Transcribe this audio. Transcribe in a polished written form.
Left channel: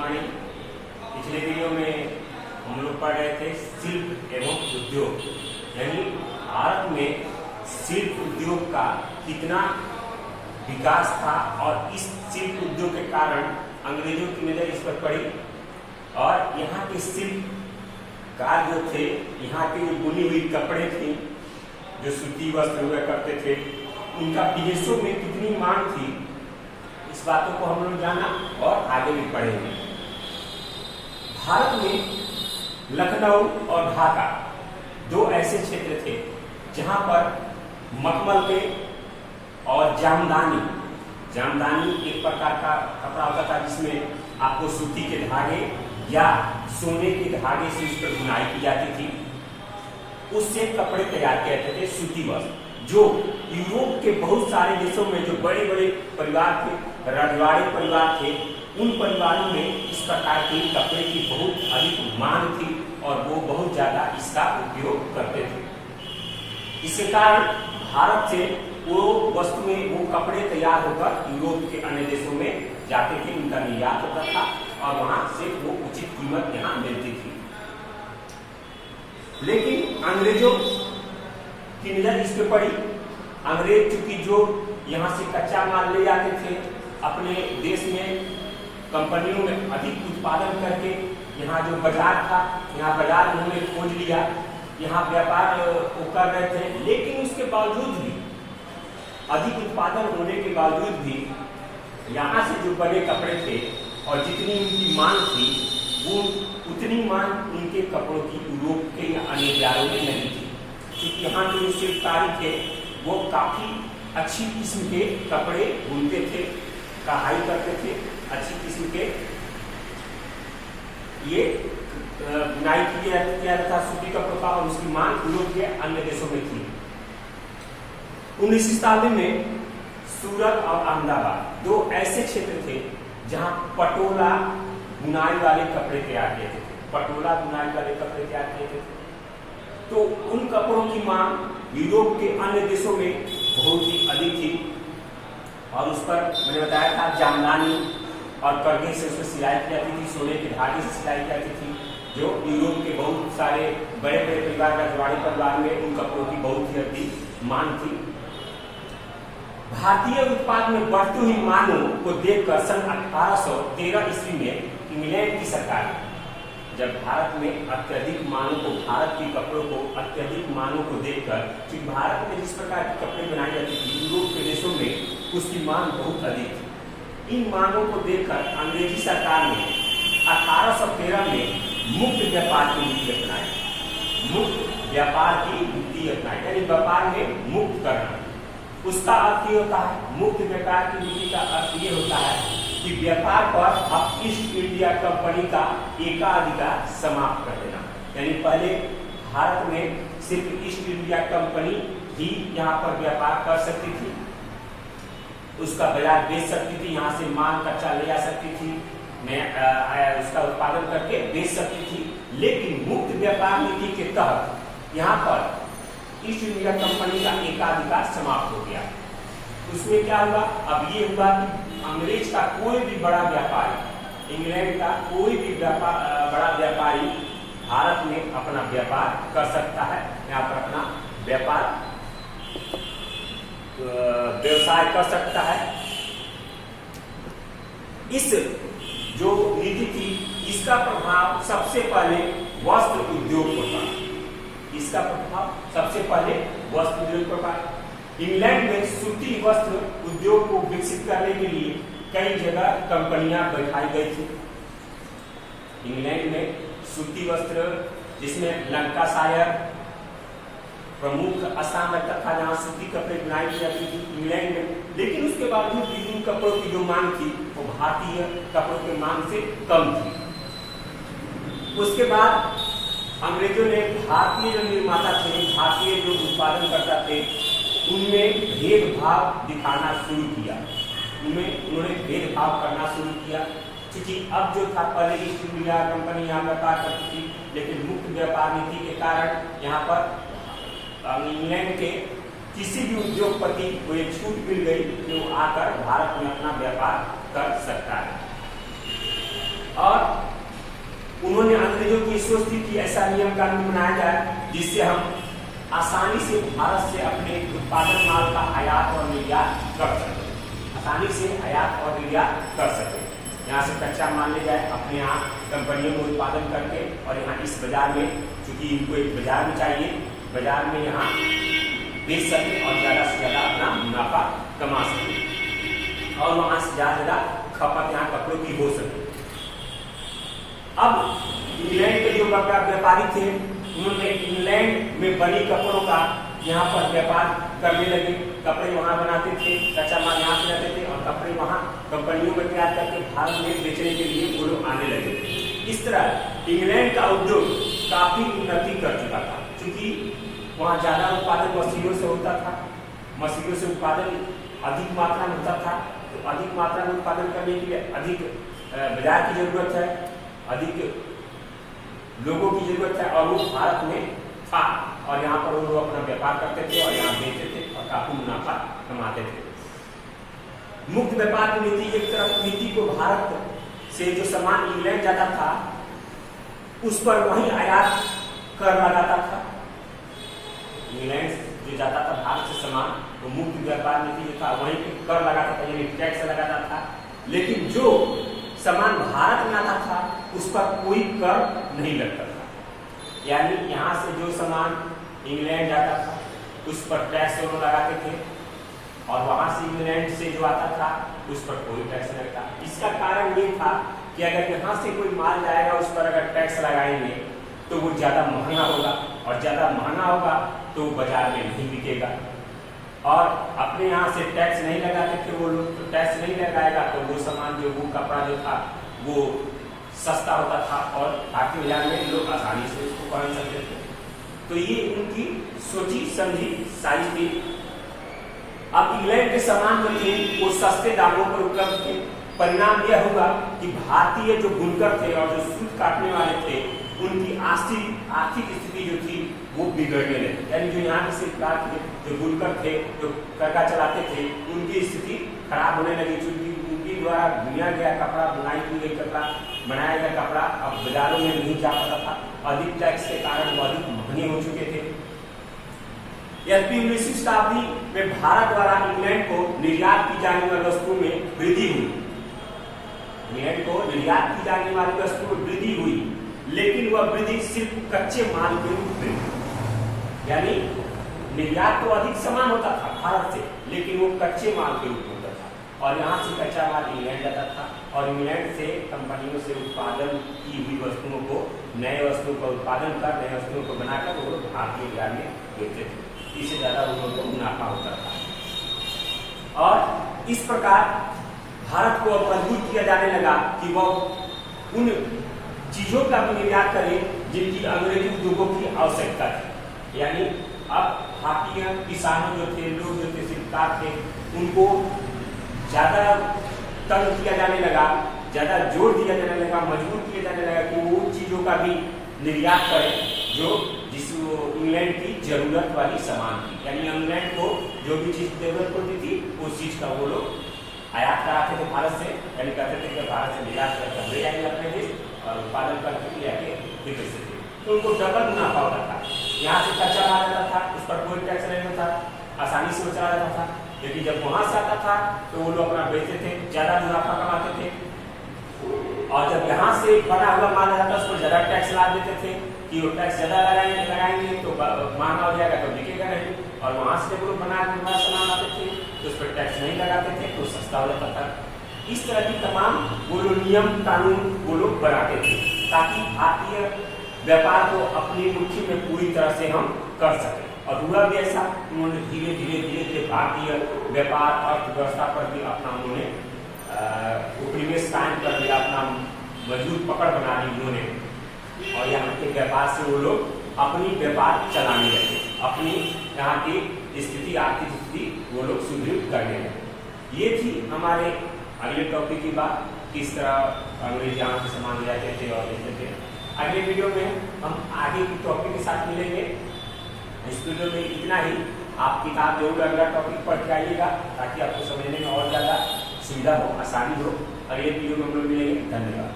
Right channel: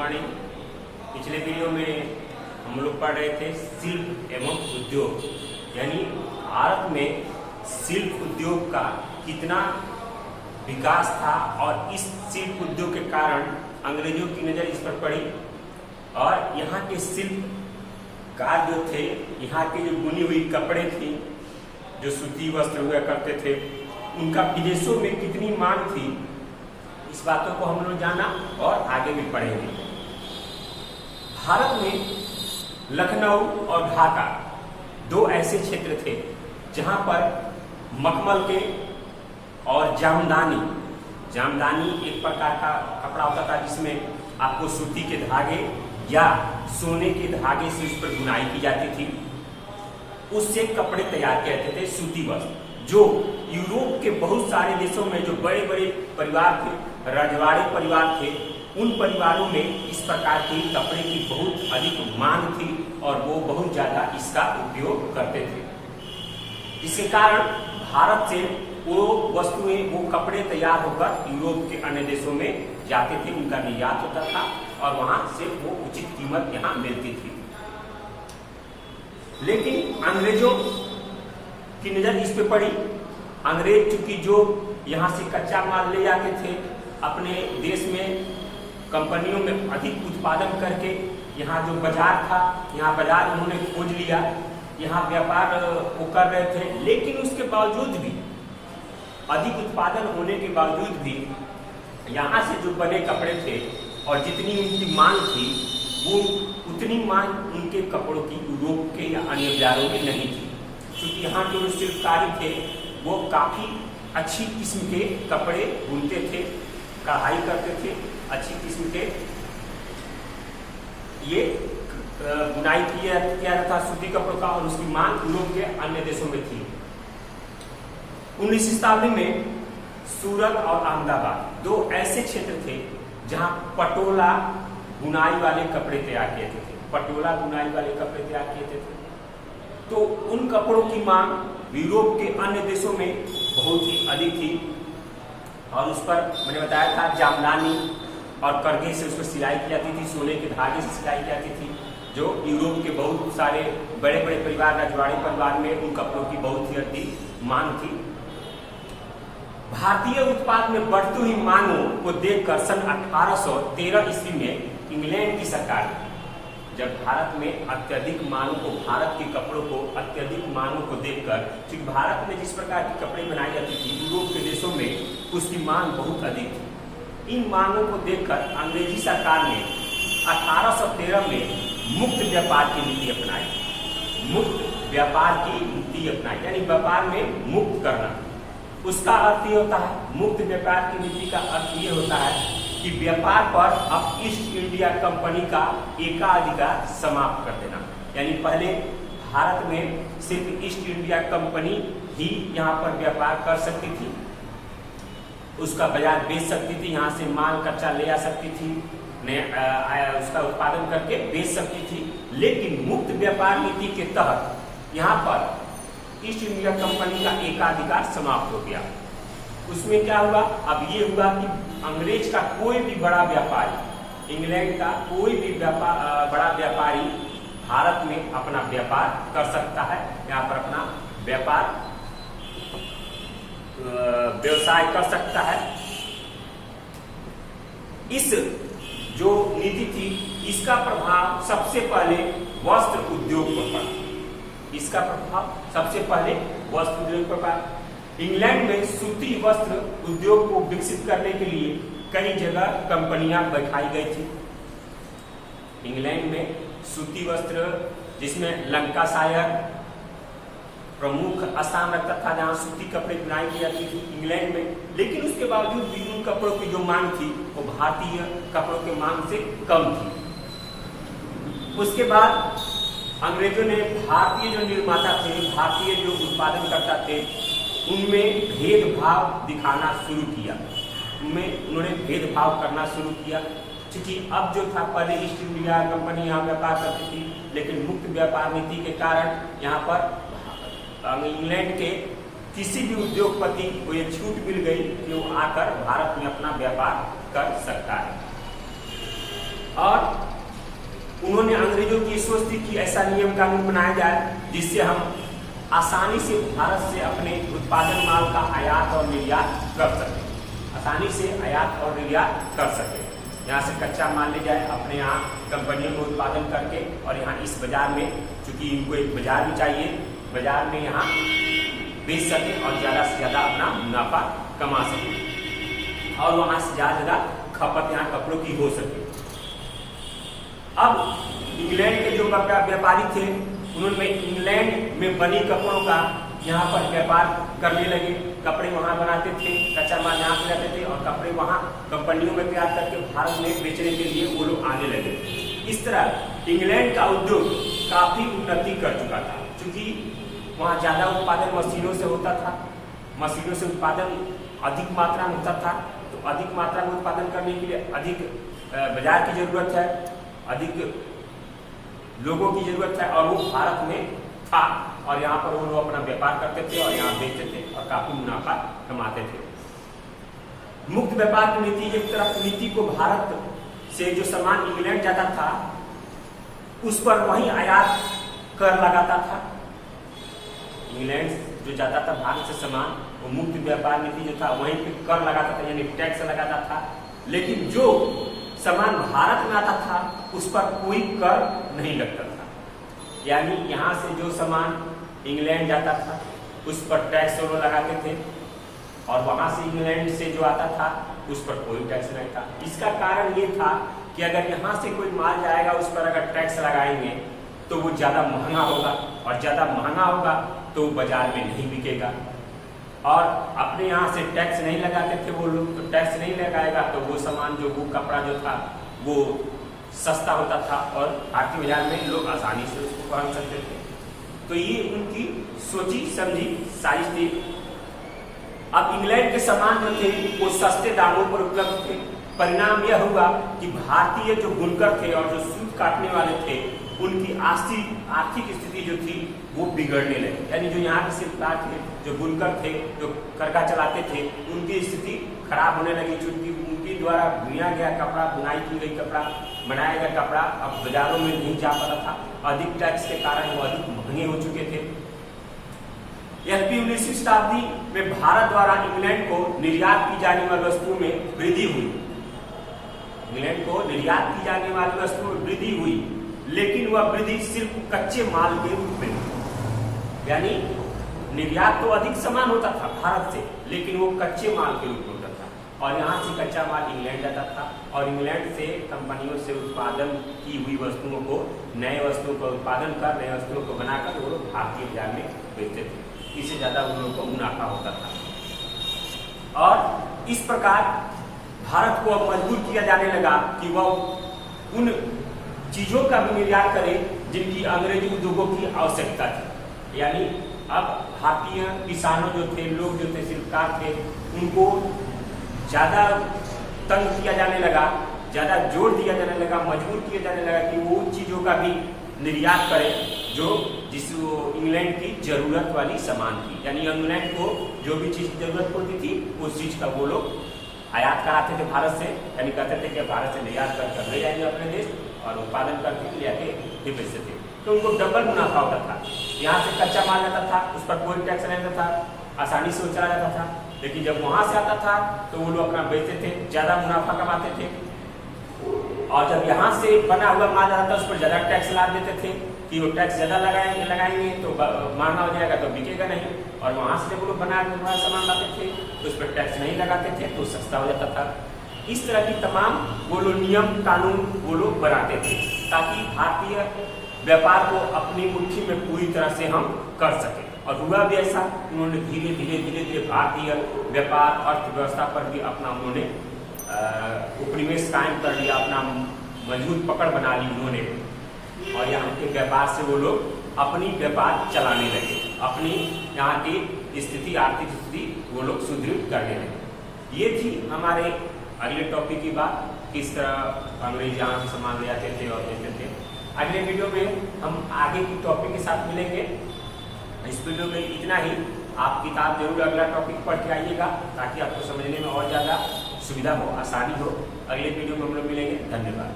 Morning. पिछले video में हम लोग पढ़ रहे थे शिल्प एवं उद्योग, यानी भारत में शिल्प उद्योग का कितना विकास था और इस शिल्प उद्योग के कारण अंग्रेजों की नजर इस पर पड़ी और यहाँ के शिल्पकार जो थे, यहाँ के जो बुनी हुई कपड़े थे, जो सूती वस्त्र हुआ करते थे, उनका विदेशों में कितनी मांग थी, इस बातों को हम लोग जाना और आगे भी पढ़ेंगे। भारत में लखनऊ और ढाका दो ऐसे क्षेत्र थे जहां पर मखमल के और जामदानी एक प्रकार का कपड़ा होता था जिसमें आपको सूती के धागे या सोने के धागे से उस पर बुनाई की जाती थी। उससे कपड़े तैयार किए जाते थे, सूती वस्त्र। जो यूरोप के बहुत सारे देशों में जो बड़े बड़े परिवार थे, रजवाड़े परिवार थे, उन परिवारों में इस प्रकार के कपड़े की बहुत अधिक मांग थी और वो बहुत ज्यादा इसका उपयोग करते थे। इसके कारण भारत से वो वस्तुएं, वो कपड़े तैयार होकर यूरोप के अन्य देशों में जाते थे, उनका निर्यात होता था और वहां से वो उचित कीमत यहाँ मिलती थी। लेकिन अंग्रेजों की नजर इस पे पड़ी। अंग्रेज चूंकि जो यहाँ से कच्चा माल ले जाते थे, अपने देश में कंपनियों में अधिक उत्पादन करके यहाँ जो बाजार था, यहाँ बाजार उन्होंने खोज लिया, यहाँ व्यापार वो कर रहे थे। लेकिन उसके बावजूद भी, अधिक उत्पादन होने के बावजूद भी यहाँ से जो बने कपड़े थे और जितनी उनकी मांग थी, वो उतनी मांग उनके कपड़ों की यूरोप के या अन्य बाजारों में नहीं थी, क्योंकि यहाँ के जो शिल्पकारी थे वो काफी अच्छी किस्म के कपड़े बुनते थे, कढ़ाई करते थे, अच्छी किस्म के ये बुनाई किया जाता था सूती कपड़ों का और उसकी मांग यूरोप के अन्य देशों में थी। 19वीं शताब्दी में सूरत और अहमदाबाद दो ऐसे क्षेत्र थे जहां पटोला बुनाई वाले कपड़े तैयार किए थे। पटोला बुनाई वाले कपड़े तैयार किए थे, तो उन कपड़ों की मांग यूरोप के अन्य देशों में बहुत ही अधिक थी और उस पर मैंने बताया था जामदानी और करघे से उस पर सिलाई की जाती थी, सोने के धागे से सिलाई की जाती थी, जो यूरोप के बहुत सारे बड़े बड़े परिवार, रजवाड़ी परिवार में उन कपड़ों की बहुत ही अधिक मांग थी। भारतीय उत्पाद में बढ़ती हुई मांगों को देखकर सन 1813 ईस्वी में इंग्लैंड की सरकार, जब भारत में अत्यधिक मांगों को, भारत के कपड़ों को अत्यधिक मांगों को देखकर, क्योंकि भारत में जिस प्रकार की कपड़े बनाई जाती थी, यूरोप के देशों में उसकी मांग बहुत अधिक थी। इन मांगों को देखकर अंग्रेजी सरकार ने 1813 में मुक्त व्यापार की नीति अपनाई। मुक्त व्यापार की नीति अपनाई यानी व्यापार में मुक्त करना। उसका अर्थ ये होता है, मुक्त व्यापार की नीति का अर्थ ये होता है कि व्यापार पर अब ईस्ट इंडिया कंपनी का एकाधिकार समाप्त कर देना। यानी पहले भारत में सिर्फ ईस्ट इंडिया कंपनी ही यहाँ पर व्यापार कर सकती थी, उसका बाजार बेच सकती थी, यहाँ से माल कच्चा ले जा सकती थी, उसका उत्पादन करके बेच सकती थी। लेकिन मुक्त व्यापार नीति के तहत यहाँ पर ईस्ट इंडिया कंपनी का एकाधिकार समाप्त हो गया। उसमें क्या हुआ? अब ये हुआ कि अंग्रेज का कोई भी बड़ा व्यापारी, इंग्लैंड का कोई भी बड़ा व्यापारी भारत में अपना व्यापार कर सकता है, यहाँ पर अपना व्यापार व्यवसाय कर सकता है। इस जो नीति थी, इसका प्रभाव सबसे पहले वस्त्र उद्योग पर पड़ा। इसका प्रभाव सबसे पहले वस्त्र उद्योग पर पड़ा। इंग्लैंड में सूती वस्त्र उद्योग को विकसित करने के लिए कई जगह कंपनियां बैठाई गई थी। इंग्लैंड में सूती वस्त्र, जिसमें लंकाशायर प्रमुख स्थान रखता था, जहां सूती कपड़े बुनाई की जाती थी इंग्लैंड में। लेकिन उसके बावजूद भी उन कपड़ों की जो मांग थी वो भारतीय कपड़ों के मांग से कम थी। उसके बाद अंग्रेजों ने भारतीय जो निर्माता थे, भारतीय जो उत्पादन करता थे, उनमें भेदभाव दिखाना शुरू किया। उन्होंने भेदभाव करना शुरू किया, क्योंकि अब जो था, पहले ईस्ट इंडिया कंपनी यहाँ व्यापार करती थी, लेकिन मुक्त व्यापार नीति के कारण यहाँ पर इंग्लैंड के किसी भी उद्योगपति को ये छूट मिल गई कि वो आकर भारत में अपना व्यापार कर सकता है। और उन्होंने अंग्रेजों की सोच थी कि ऐसा नियम कानून बनाया जाए जिससे हम आसानी से भारत से अपने उत्पादन माल का आयात और निर्यात कर सके, आसानी से आयात और निर्यात कर सके। यहाँ से कच्चा माल ले जाए अपने यहाँ कंपनियों में उत्पादन करके और यहाँ इस बाजार में, चूंकि इनको एक बाजार भी चाहिए, बाजार में यहाँ बेच सके और ज्यादा से ज्यादा अपना मुनाफा कमा सके और वहां से ज्यादा खपत यहाँ कपड़ों की हो सके। अब इंग्लैंड के जो व्यापारी थे उन्होंने इंग्लैंड में बनी कपड़ों का यहाँ पर व्यापार करने लगे। कपड़े वहां बनाते थे, कच्चा माल यहाँ से लाते थे और कपड़े वहां कंपनियों में तैयार करके भारत में बेचने के लिए वो लोग आने लगे। इस तरह इंग्लैंड का उद्योग काफी उन्नति कर चुका था, क्योंकि वहां ज्यादा उत्पादन मशीनों से होता था, मशीनों से उत्पादन अधिक मात्रा में होता था। तो अधिक मात्रा में उत्पादन करने के लिए अधिक बाजार की जरूरत है, अधिक लोगों की जरूरत है और वो भारत में था और यहाँ पर वो लोग अपना व्यापार करते थे और यहाँ बेचते थे और काफी मुनाफा कमाते थे। मुक्त व्यापार की नीति एक तरह की नीति को भारत से जो सामान इंग्लैंड जाता था उस पर वही आयात कर लगाता था। इंग्लैंड जो जाता था भारत से सामान, वो मुक्त व्यापार नीति जो था वहीं पे कर लगाता था, यानी टैक्स लगाता था। लेकिन जो सामान भारत में आता था उस पर कोई कर नहीं लगता था, यानी यहाँ से जो सामान इंग्लैंड जाता था उस पर टैक्स वो लगाते थे और वहां से इंग्लैंड से जो आता था उस पर कोई टैक्स नहीं था। इसका कारण ये था कि अगर यहाँ से कोई माल जाएगा उस पर अगर टैक्स लगाएंगे तो वो ज्यादा महंगा होगा और ज्यादा महंगा होगा तो बाजार में नहीं बिकेगा। और अपने यहाँ से टैक्स नहीं लगाते थे वो लोग, तो टैक्स नहीं लगाएगा तो वो सामान जो वो कपड़ा जो था वो सस्ता होता था और भारतीय बाजार में लोग आसानी से उसको पहन सकते थे। तो ये उनकी सोची समझी सारी थी। अब इंग्लैंड के सामान जो थे वो सस्ते दामों पर उपलब्ध थे। परिणाम यह होगा कि भारतीय जो बुनकर थे और जो सूत काटने वाले थे उनकी आर्थिक स्थिति जो थी वो बिगड़ने लगी। यानी जो यहाँ के शिल्पकार थे, जो बुनकर थे, जो करका चलाते थे, उनकी स्थिति खराब होने लगी, क्योंकि उनके द्वारा बुना गया कपड़ा, बुनाई की गई कपड़ा, बनाया गया कपड़ा अब बाजारों में नहीं जा पाता था। अधिक टैक्स के कारण वो अधिक महंगे हो चुके थे। 19वीं शताब्दी में भारत द्वारा इंग्लैंड को निर्यात की जाने वाली वस्तुओं में वृद्धि हुई। इंग्लैंड को निर्यात की जाने वाली वस्तुओं में वृद्धि हुई, लेकिन वह वृद्धि सिर्फ कच्चे माल के रूप में, यानी निर्यात तो अधिक सामान होता था भारत से, लेकिन वो कच्चे माल के रूप में होता था और यहाँ से कच्चा माल इंग्लैंड जाता था और इंग्लैंड से कंपनियों से उत्पादन की हुई वस्तुओं को, नए वस्तुओं का उत्पादन कर, नए वस्तुओं को बनाकर वो भारतीय बाजार में बेचते थे। इससे ज्यादा उन लोगों को मुनाफा होता था और इस प्रकार भारत को अब मजबूर किया जाने लगा कि वह उन चीजों का भी निर्यात करे जिनकी अंग्रेजी उद्योगों की आवश्यकता थी। यानी अब भारतीय किसानों जो थे, लोग जो थे, शिल्पकार थे, उनको ज्यादा तंग किया जाने लगा, ज्यादा जोर दिया जाने लगा, मजबूर किया जाने लगा कि वो उन चीजों का भी निर्यात करे जो इंग्लैंड की जरूरत वाली सामान थी। यानी इंग्लैंड को जो भी चीज जरूरत होती थी उस चीज का वो लोग आयात कराते थे भारत से, यानी कहते थे कि भारत से निर्यात कर ले जाएंगे अपने देश और उत्पादन करके ले आके बिक सकते थे। तो उनको डबल मुनाफा होता था। यहाँ से कच्चा माल आता था, उस पर कोई टैक्स नहीं होता था, आसानी से वो चला जाता था। लेकिन जब वहां से आता था तो वो लोग अपना बेचते थे, ज्यादा मुनाफा कमाते थे। और जब यहाँ से बना हुआ माल आता था उस पर ज्यादा टैक्स ला देते थे कि वो टैक्स ज्यादा लगाएंगे तो महंगा हो जाएगा तो बिकेगा नहीं। और वहां से जब वो लोग बना हुआ सामान लाते थे तो उस पर टैक्स नहीं लगाते थे तो सस्ता हो जाता था। इस तरह की तमाम वो लोग नियम कानून वो लोग बनाते थे ताकि भारतीय व्यापार को अपनी मुट्ठी में पूरी तरह से हम कर सके। और हुआ भी ऐसा, उन्होंने धीरे धीरे भारतीय व्यापार अर्थव्यवस्था पर भी अपना उन्होंने उपनिवेश कायम कर दिया, अपना मजबूत पकड़ बना ली उन्होंने। और यहाँ के व्यापार से वो लोग अपनी व्यापार चलाने लगे, अपनी यहाँ की स्थिति, आर्थिक स्थिति वो लोग सुदृढ़ करने लगे। ये थी हमारे अगले टॉपिक की बात, किस तरह अंग्रेज यहाँ से सामान ले जाते थे और देते थे। अगले वीडियो में हम आगे की टॉपिक के साथ मिलेंगे। इस वीडियो में इतना ही। आप किताब जरूर अगला टॉपिक पढ़ के आइएगा ताकि आपको समझने में और ज्यादा सुविधा हो, आसानी हो। अगले वीडियो में हम लोग मिलेंगे। धन्यवाद।